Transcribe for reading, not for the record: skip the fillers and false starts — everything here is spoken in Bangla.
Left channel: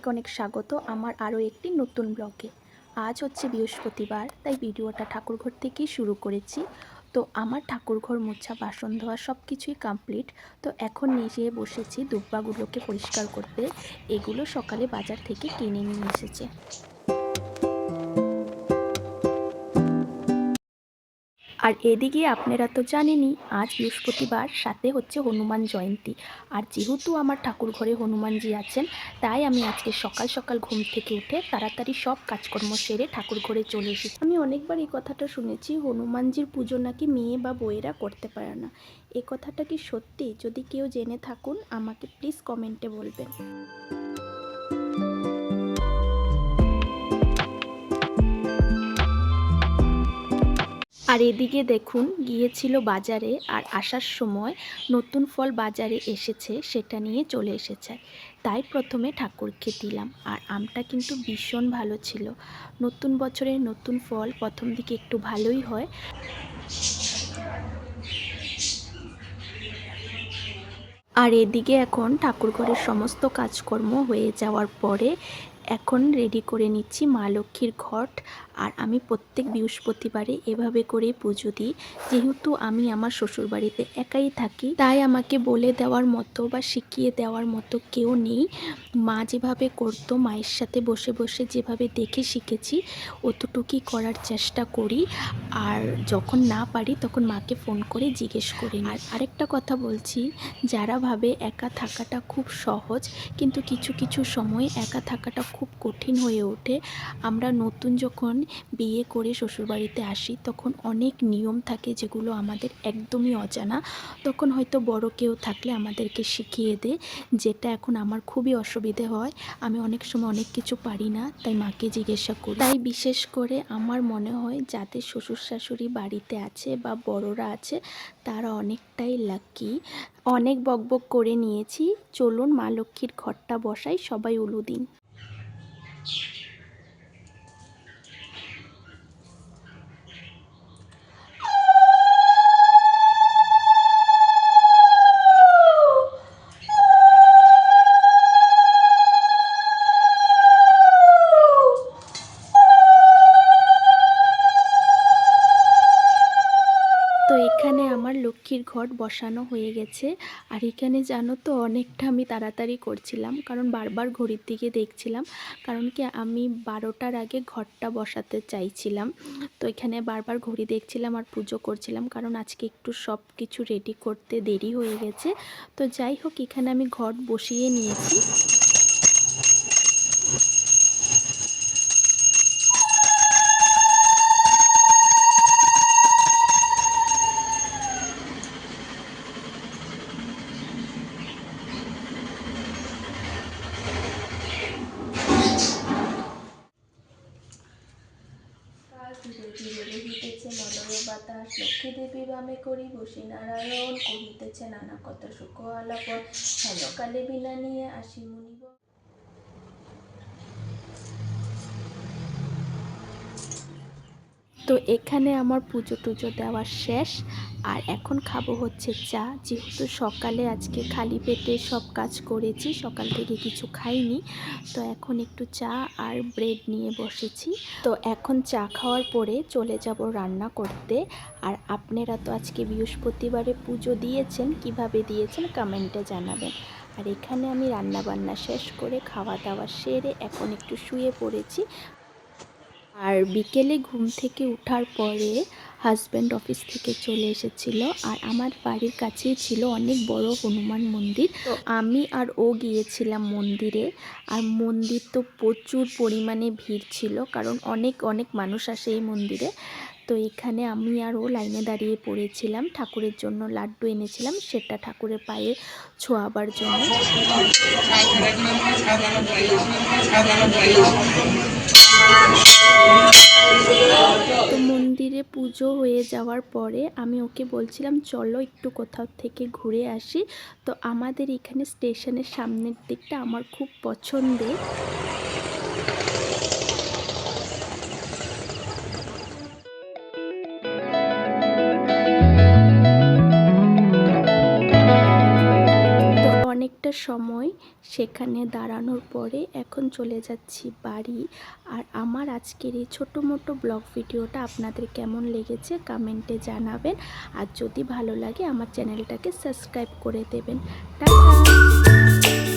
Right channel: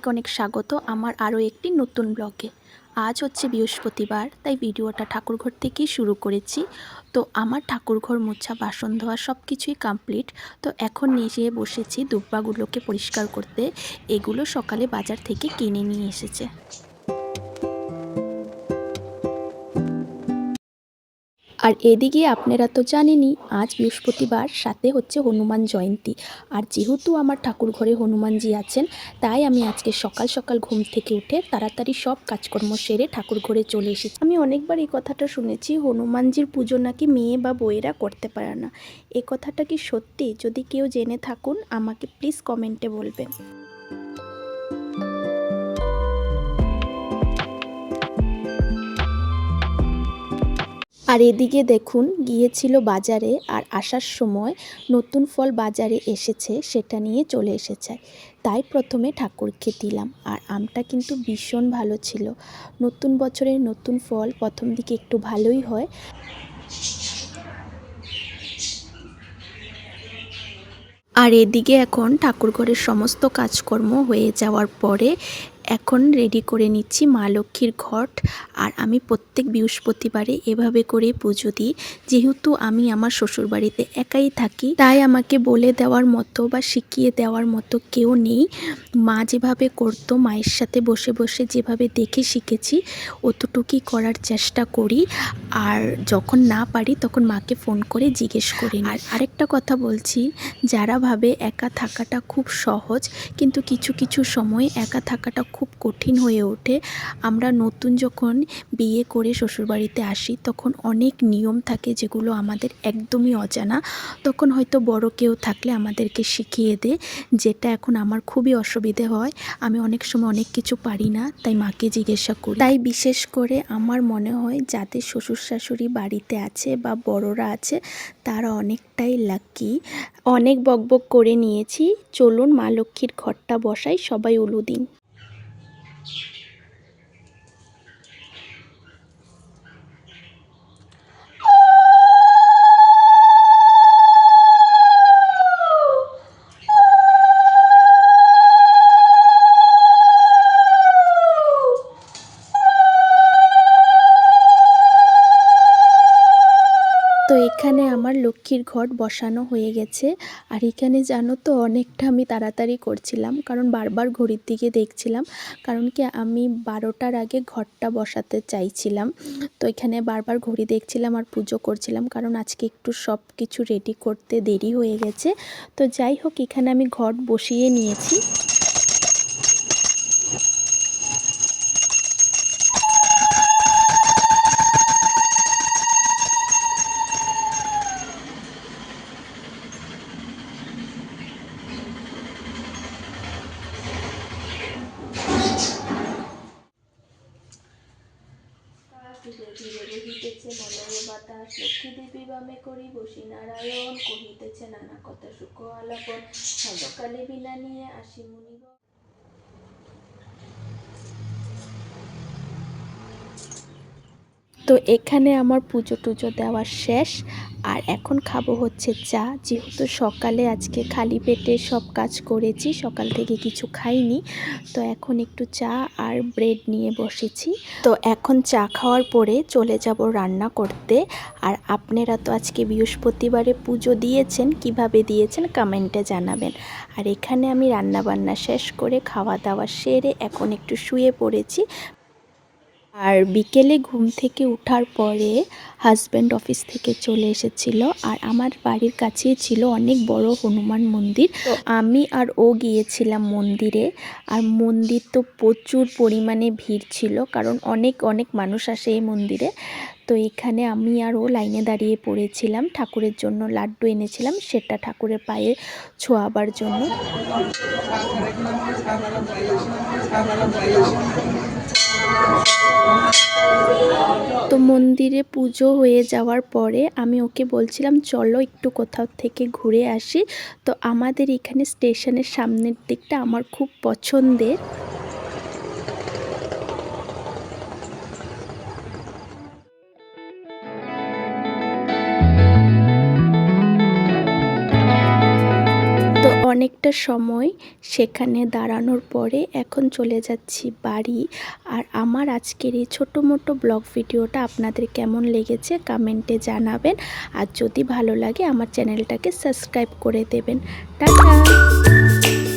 অনেক অনেক স্বাগত আমার আরও একটি নতুন ব্লগে। আজ হচ্ছে বৃহস্পতিবার, তাই ভিডিওটা ঠাকুরঘর থেকেই শুরু করেছি। তো আমার ঠাকুরঘর মোছা, বাসন ধোয়া সব কিছুই কমপ্লিট। তো এখন নিজে বসেছি দুব্বাগুলোকে পরিষ্কার করতে। এগুলো সকালে বাজার থেকে কিনে নিয়ে এসেছে। আর এদিকে আপনারা তো জানেনই আজ বৃহস্পতিবার, সাথে হচ্ছে হনুমান জয়ন্তী। আর যেহেতু আমার ঠাকুর ঘরে হনুমানজি আছেন, তাই আমি আজকে সকাল সকাল ঘুম থেকে উঠে তাড়াতাড়ি সব কাজকর্ম সেরে ঠাকুর ঘরে চলে এসেছি। আমি অনেকবার এই কথাটা শুনেছি, হনুমানজির পুজো নাকি মেয়ে বা বউয়েরা করতে পারে না। এই কথাটা কি সত্যি? যদি কেউ জেনে থাকুন আমাকে প্লিজ কমেন্টে বলবেন। আর এদিকে দেখুন, গিয়েছিল বাজারে, আর আসার সময় নতুন ফল বাজারে এসেছে, সেটা নিয়ে চলে এসেছে। তাই প্রথমে ঠাকুরকে দিলাম। আর আমটা কিন্তু ভীষণ ভালো ছিল। নতুন বছরের নতুন ফল প্রথম দিকে একটু ভালোই হয়। আর এদিকে এখন ঠাকুরঘরের সমস্ত কাজকর্ম হয়ে যাওয়ার পরে এখন রেডি করে নিচ্ছি মা লক্ষ্মীর ঘট। আর আমি প্রত্যেক বৃহস্পতিবারে এভাবে করে পুজো দিই। যেহেতু আমি আমার শ্বশুরবাড়িতে একাই থাকি, তাই আমাকে বলে দেওয়ার মতো বা শিখিয়ে দেওয়ার মতো কেউ নেই। মা যেভাবে করতো, মায়ের সাথে বসে বসে যেভাবে দেখে শিখেছি, অতটুকুই করার চেষ্টা করি। আর যখন না পারি তখন মাকে ফোন করে জিজ্ঞেস করি। আর আরেকটা কথা বলছি, যারা ভাবে একা থাকাটা খুব সহজ, কিন্তু কিছু কিছু সময় একা থাকাটা খুব কঠিন হয়ে ওঠে। আমরা নতুন যখন বিয়ে করে শ্বশুরবাড়িতে আসি, তখন অনেক নিয়ম থাকে যেগুলো আমাদের একদমই অজানা। তখন হয়তো বড় কেউ থাকলে আমাদেরকে শিখিয়ে দেয়, যেটা এখন আমার খুবই অসুবিধে হয়। আমি অনেক সময় অনেক কিছু পারি না, তাই মাকে জিজ্ঞাসা করি। তাই বিশেষ করে আমার মনে হয় যাদের শ্বশুর শাশুড়ি বাড়িতে আছে বা বড়রা আছে, তারা অনেকটাই লাকি। অনেক বকবক করে নিয়েছি, চলুন মা লক্ষ্মীর ঘটটা বসাই, সবাই উলু দিন। তো এখানে আমার লক্ষ্মীর ঘট বসানো হয়ে গেছে। আর এখানে জানো তো, অনেকটা আমি তাড়াতাড়ি করছিলাম, কারণ বারবার ঘড়ির দিকে দেখছিলাম। কারণ কি, আমি 12টার আগে ঘটটা বসাতে চাইছিলাম। তো এখানে বারবার ঘড়ি দেখছিলাম আর পুজো করছিলাম, কারণ আজকে একটু সব কিছু রেডি করতে দেরি হয়ে গেছে। তো যাই হোক, এখানে আমি ঘট বসিয়ে নিয়েছি। ধীরে ধীরে বহিতেছে মলয় বাতাস, লক্ষ্মী দেবী বামে করি বসি নারায়ণ, কহিতেছে নানা কথা সুখ আলাপন, হেন কালে বিনা নিয়ে আসি মুনিব। তো এখানে আমার পুজো টুজো দেওয়া শেষ। আর এখন খাবো হচ্ছে চা। যেহেতু সকালে আজকে খালি পেটে সব কাজ করেছি, সকাল থেকে কিছু খাইনি, তো এখন একটু চা আর ব্রেড নিয়ে বসেছি। তো এখন চা খাওয়ার পরে চলে যাব রান্না করতে। আর আপনারা তো আজকে বৃহস্পতিবারে পুজো দিয়েছেন, কিভাবে দিয়েছেন কমেন্টে জানাবেন। আর এখানে আমি রান্না বান্না শেষ করে খাওয়া দাওয়া সেরে এখন একটু শুয়ে পড়েছি। আর বিকেলে ঘুম থেকে ওঠার পরে হাজব্যান্ড অফিস থেকে চলে এসেছিল, আর আমার বাড়ির কাছেই ছিল অনেক বড় হনুমান মন্দির। তো আমি আর ও গিয়েছিলাম মন্দিরে। আর মন্দির তো প্রচুর পরিমাণে ভিড় ছিল, কারণ অনেক অনেক মানুষ আসে এই মন্দিরে। তো এখানে আমি আর ও লাইনে দাঁড়িয়ে পড়েছিলাম। ঠাকুরের জন্য লাড্ডু এনেছিলাম, সেটা ঠাকুরের পায়ে ছোঁয়াবার জন্য। তো মন্দিরে পুজো হয়ে যাওয়ার পরে আমি ওকে বলছিলাম চলো একটু কোথাও থেকে ঘুরে আসি। তো আমাদের এখানে স্টেশনের সামনের দিকটা আমার খুব পছন্দের। অনেকটা অনেকটা সময় সেখানে দাঁড়ানোর পরে এখন চলে যাচ্ছি বাড়ি। আর আমার আজকের এই ছোটো মোটো ব্লগ ভিডিওটা আপনাদের কেমন লেগেছে কমেন্টে জানাবেন। আর যদি ভালো লাগে আমার চ্যানেলটাকে সাবস্ক্রাইব করে দেবেন। টাটা।